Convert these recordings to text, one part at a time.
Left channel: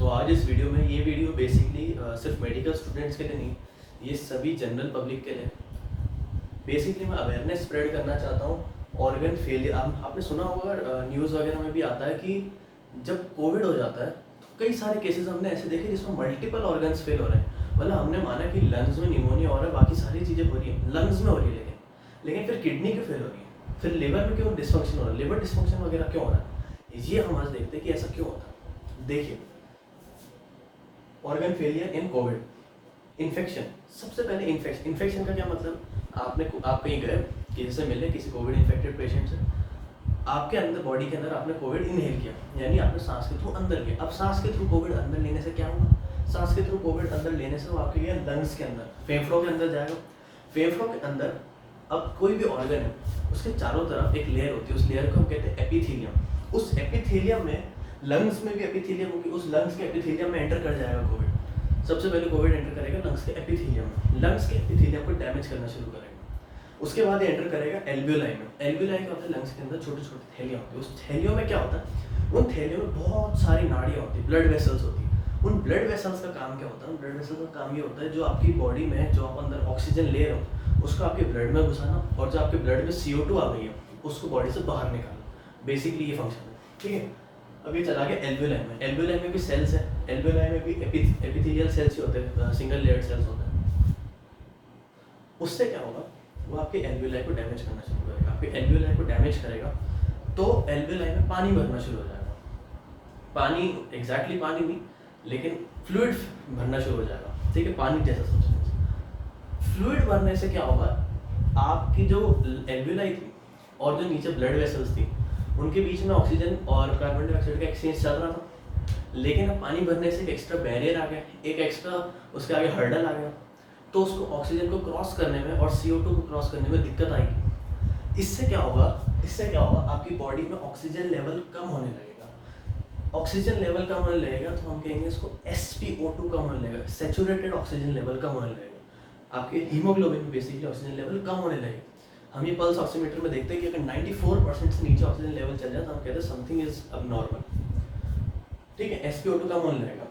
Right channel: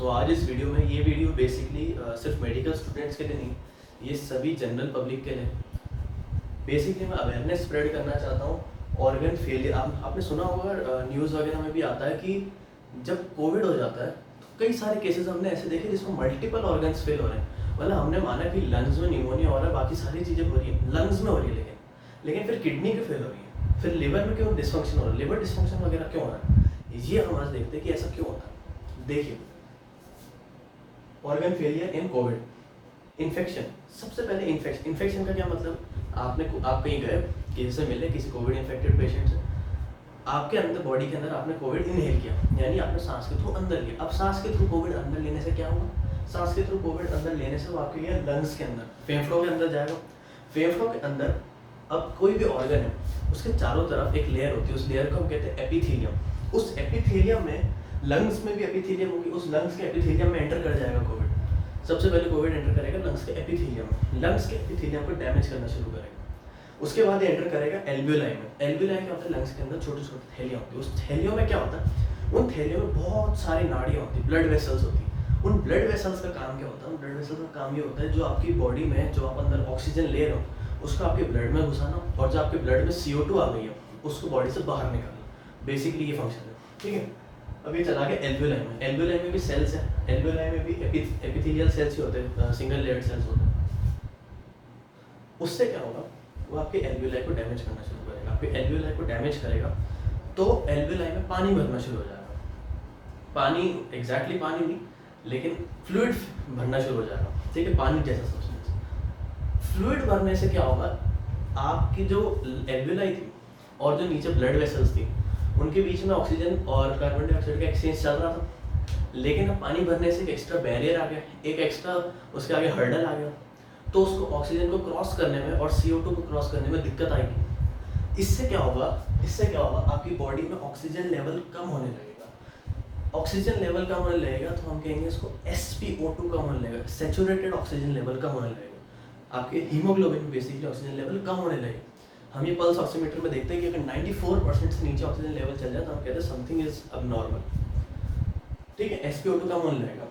तो आज इस वीडियो में ये वीडियो बेसिकली सिर्फ मेडिकल स्टूडेंट्स के लिए नहीं, ये सभी जनरल पब्लिक के लिए बेसिकली मैं अवेयरनेस स्प्रेड करना चाहता हूँ। ऑर्गन फेलियर आपने सुना होगा, न्यूज़ वगैरह में भी आता है कि जब कोविड हो जाता है तो कई सारे केसेस हमने ऐसे देखे जिसमें मल्टीपल ऑर्गन्स फेल हो रहे हैं। मतलब हमने माना कि लंग्स में निमोनिया हो रहा है, बाकी सारी चीज़ें हो रही है, लंग्स में हो रही है, लेकिन फिर किडनी की फेल हो रही है, फिर लिवर में क्यों डिस्फंक्शन हो रहा है, लिवर डिस्फंक्शन वगैरह क्यों हो रहा है, ये हम आज देखते हैं कि ऐसा क्यों होता है। देखिए, organ failure in Covid, infection. सबसे पहले इन्फेक्शन का क्या मतलब, आप कहीं गए, किसी से मिले, किसी कोविड इन्फेक्टेड पेशेंट से, आपके अंदर बॉडी के अंदर आपने कोविड इनहेल किया, यानी आपने सांस के थ्रू अंदर लिया। अब सांस के थ्रू कोविड अंदर लेने से क्या होगा, सांस के थ्रू कोविड अंदर लेने से वो आपके लिए लंग्स के अंदर, फेफड़ों के अंदर जाएगा। फेफड़ों के अंदर अब कोई भी ऑर्गन है, उसके चारों तरफ एक लेयर होती है, उस लेयर को हम कहते हैं एपिथेलियम। उस एपिथेलियम में, लंग्स में भी एपिथेलियम होगी, उस लंग्स के एपिथेलियम में एंटर कर जाएगा कोविड। सबसे पहले कोविड एंटर करेगा लंग्स के एपिथेलियम में, लंग्स के एपिथेलियम को डैमेज करना शुरू करेगा। उसके बाद ये एंटर करेगा एल्वियोलाई में। एल्वियोलाई क्या होता है, लंग्स के अंदर छोटे छोटे थैलियाँ होती है। उस थैलियों में क्या होता है, उन थैलियों में बहुत सारी नाड़ियाँ होती है, ब्लड वेसल्स होती है। उन ब्लड वेसल्स का काम क्या होता है, उन ब्लड वेसल्स का काम ये होता है, जो आपकी बॉडी में जो आप अंदर ऑक्सीजन ले रहे हो उसको आपके ब्लड में घुसाना, और जो आपके ब्लड में CO2 आ गई है उसको बॉडी से बाहर निकालना। बेसिकली ये फंक्शन है, ठीक है। अब ये चला गया एल्वियोलाई में। एल्वियोलाई में भी सेल्स है, एल्वियोलाई में भी एपिथेलियल सेल्स ही होते हैं, सिंगल लेयर्ड सेल्स होते हैं। उससे क्या होगा, वो आपके एल्वियोलाई को डैमेज करना शुरू करेगा। आपके एल्वियोलाई को डैमेज करेगा तो एल्वियोलाई में पानी भरना शुरू हो जाएगा। पानी एग्जैक्टली पानी नहीं, लेकिन फ्लूइड भरना शुरू हो जाएगा, ठीक है, पानी जैसा सब्सटेंस। फ्लूइड भरने से क्या होगा, आपकी जो एल्वियोलाई थी और जो नीचे ब्लड वेसल्स थी उनके बीच में ऑक्सीजन और कार्बन डाइऑक्साइड का एक्सचेंज चल रहा था, लेकिन अब पानी भरने से एक एक्स्ट्रा बैरियर आ गया, एक एक्स्ट्रा उसके आगे हर्डल आ गया, तो उसको ऑक्सीजन को क्रॉस करने में और CO2 को क्रॉस करने में दिक्कत आएगी। इससे क्या होगा, आपकी बॉडी में ऑक्सीजन लेवल कम होने लगेगा। ऑक्सीजन लेवल कम होने लगेगा तो हम कहेंगे इसको SpO2 कम होने लगेगा, सैचुरेटेड ऑक्सीजन लेवल कम होने लगेगा। आपके हीमोग्लोबिन में बेसिकली ऑक्सीजन लेवल कम होने लगेगा। हम ये पल्स ऑक्सीमीटर में देखते हैं कि अगर 94% से नीचे ऑक्सीजन लेवल चल जाए तो हम कहते हैं समथिंग इज अबनॉर्मल, ठीक है। SpO2 कम होने लगेगा,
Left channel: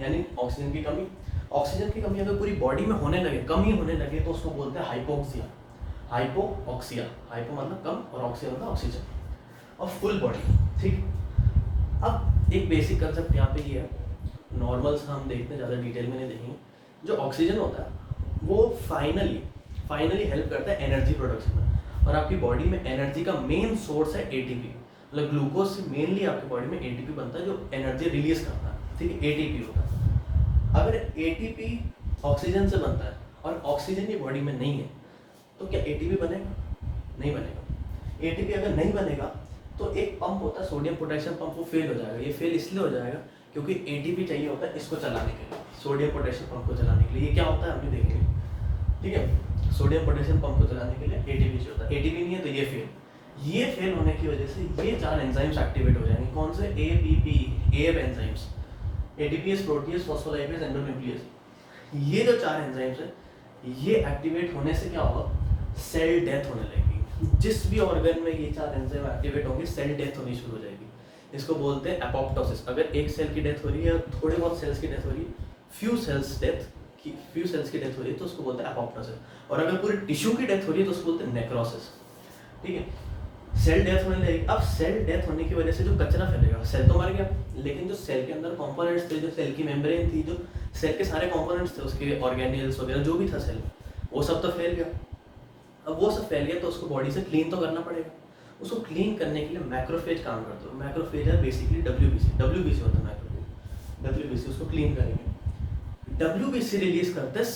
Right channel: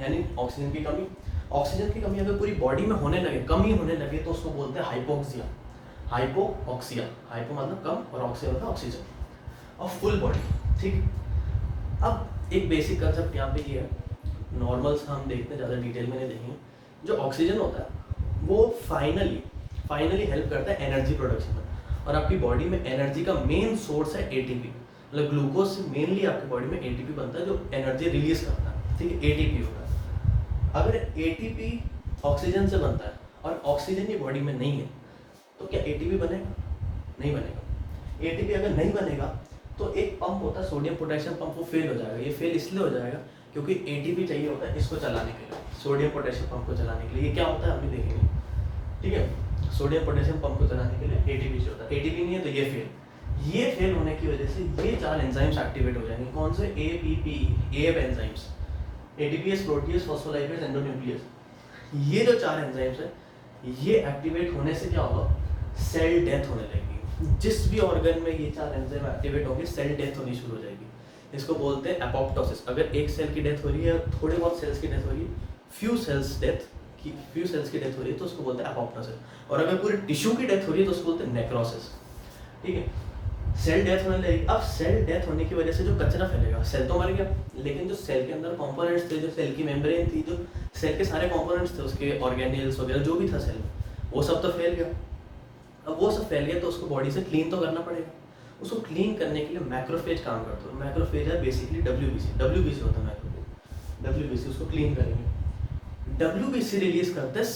यानी ऑक्सीजन की कमी। ऑक्सीजन की कमी अगर पूरी बॉडी में होने लगे, कमी होने लगे, तो उसको बोलते हैं हाइपोक्सिया। हाइपोऑक्सिया, हाइपो मतलब कम और ऑक्सिया मतलब ऑक्सीजन, और फुल बॉडी, ठीक। अब एक बेसिक कंसेप्ट यहाँ पे ये है, नॉर्मल्स हम देखते हैं, ज़्यादा डिटेल में नहीं देखेंगे। जो ऑक्सीजन होता है वो फाइनली हेल्प करता है एनर्जी प्रोडक्शन में, और आपकी बॉडी में एनर्जी का मेन सोर्स है ATP। मतलब ग्लूकोज से मेनली आपकी बॉडी में ATP बनता है जो एनर्जी रिलीज करता है, ठीक है, ATP होता है। अगर ATP ऑक्सीजन से बनता है और ऑक्सीजन की बॉडी में नहीं है तो क्या ATP बनेगा, नहीं बनेगा। ATP अगर नहीं बनेगा तो एक पंप होता है सोडियम पोटेशियम पंप, वो फेल हो जाएगा। ये फेल इसलिए हो जाएगा क्योंकि ATP चाहिए होता है इसको चलाने के लिए, सोडियम पोटेशियम पंप को चलाने के लिए। ये क्या होता है हम भी देखेंगे, ठीक है। सोडियम पोटेशियम पंप को चलाने के लिए ATP चाहिए होता है, ATP नहीं है तो ये फेल होने की वजह से ये 4 एंजाइम्स एक्टिवेट हो जाएंगे। कौन से, APP enzymes, ATPase, protease, phospholipase, endonuclease. ये जो 4 एंजाइम्स हैं, ये एक्टिवेट होने से क्या होगा, सेल डेथ होने लगेगी। जिस भी ऑर्गन में ये 4 एंजाइम एक्टिवेट होंगे सेल डेथ होनी शुरू हो जाएगी। इसको बोलते हैं एपोप्टोसिस। अगर एक सेल की डेथ हो रही है, थोड़े बहुत सेल्स की डेथ हो रही है, फ्यू सेल्स की डेथ हो रही है तो उसको बोलते हैं एपोप्टोसिस। और अगर पूरी टिश्यू की डेथ हो रही है तो उसको बोलते हैं नेक्रोसिस, ठीक है। सेल डेथ होने लगेगी। अब सेल डेथ होने की वजह से जो कचरा फैलेगा, सेल तो मर गया, लेकिन जो सेल के अंदर कंपोनेंट्स थे, जो सेल की मेम्ब्रेन थी, जो सेल के सारे कंपोनेंट्स थे, उसके ऑर्गेनेल्स वगैरह जो भी था सेल में, वो सब तो फैल गया। अब वो सब फैल गया तो उसको बॉडी से क्लीन तो करना पड़ेगा। उसको क्लीन करने के लिए मैक्रोफेज काम करते हो। मैक्रोफेज है बेसिकली WBC होता है मैक्रोफेज, WBC उसको क्लीन करेंगे। WBC रिलीज करते हैं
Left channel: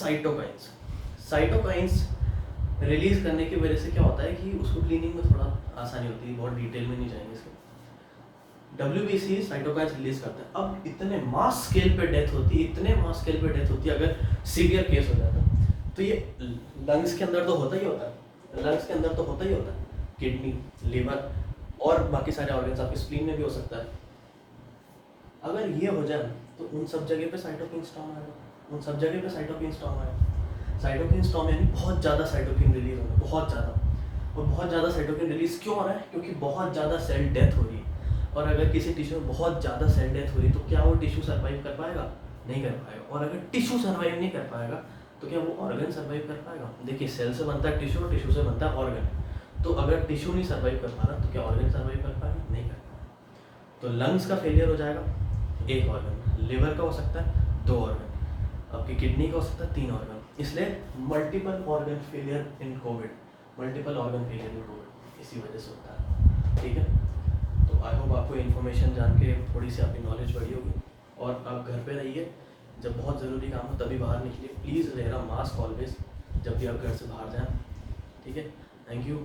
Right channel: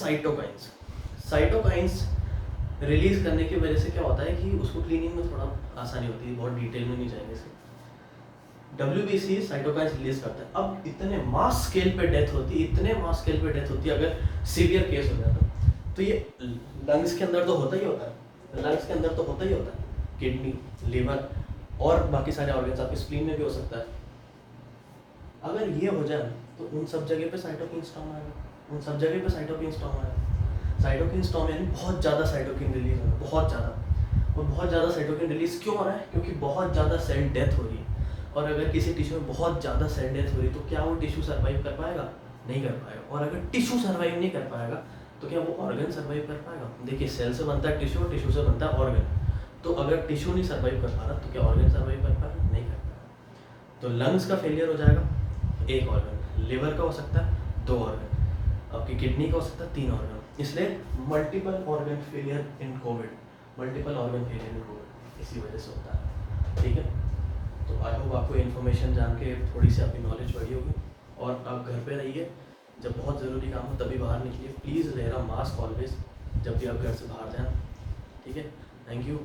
साइटोकाइंस रिलीज करने की वजह से क्या होता है कि उसको क्लीनिंग में थोड़ा आसानी होती है, बहुत डिटेल में नहीं जाएंगे इसके। WBC साइटोकाइंस रिलीज करता है। अब इतने मास स्केल पे डेथ होती है, अगर सीवियर केस हो जाता है तो ये लंग्स के अंदर तो होता ही होता है, किडनी, लिवर और बाकी सारे ऑर्गन्स, आपके स्प्लीन में भी हो सकता है। अगर ये हो जाए तो उन सब जगह पे साइटोकिन स्टॉर्म आएगा, साइटोकिन स्टॉर्म यानी बहुत ज़्यादा साइटोकिन रिलीज होगा, बहुत ज़्यादा साइटोकिन रिलीज क्यों हो रहा है, क्योंकि बहुत ज़्यादा सेल डेथ हो रही है। और अगर किसी टिश्यू में बहुत ज़्यादा सेल डेथ हो रही तो क्या वो टिश्यू सर्वाइव कर पाएगा? नहीं कर पाएगा। और अगर टिश्यू सर्वाइव नहीं कर पाएगा तो क्या वो ऑर्गन सर्वाइव कर पाएगा? देखिए सेल से बनता है टिश्यू और टिश्यू से बनता है ऑर्गन। तो अगर टिश्यू नहीं सर्वाइव कर पा रहा तो क्या ऑर्गन सर्वाइव कर पाएगा? नहीं कर पाएगा। तो लंग्स का फेलियर हो जाएगा, एक ऑर्गन, लिवर का हो सकता है 2 ऑर्गन, आपकी किडनी का हो सकता है 3 ऑर्गन। इसलिए multiple organ failure in Covid, multiple organ failure in Covid इसी वजह से होता है। ठीक है, तो आई होप आपको इन्फॉर्मेशन जान के थोड़ी सी आपकी नॉलेज बढ़ी होगी। और आप घर पे रहिए, जब बहुत ज़रूरी काम हो तभी बाहर निकलिए। Please where a mask always जब भी आप घर से बाहर जाएं। ठीक है, थैंक यू।